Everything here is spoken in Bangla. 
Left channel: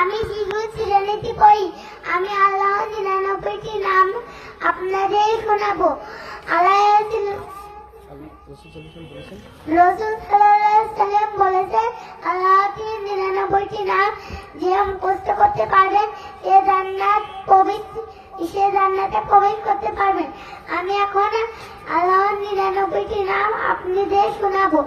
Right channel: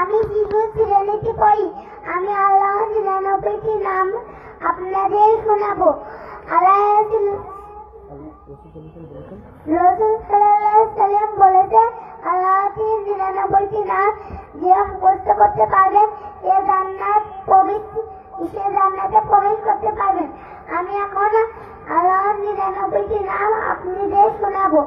আমি শিশু শ্রেণীতে পড়ি। আমি আল্লাহ 99টি নাম আপনাদের শোনাবো। আল্লাহ রাসূল সাল্লাল্লাহু আলাইহি সাল্লাম বলেছেন, আল্লাহর 99টি নাম যে মুখস্থ করতে পারবেন সে জান্নাতে প্রবেশ করতে পারবেন। আমি এখন আল্লাহর 99টি নাম আপনাদের শোনাবো।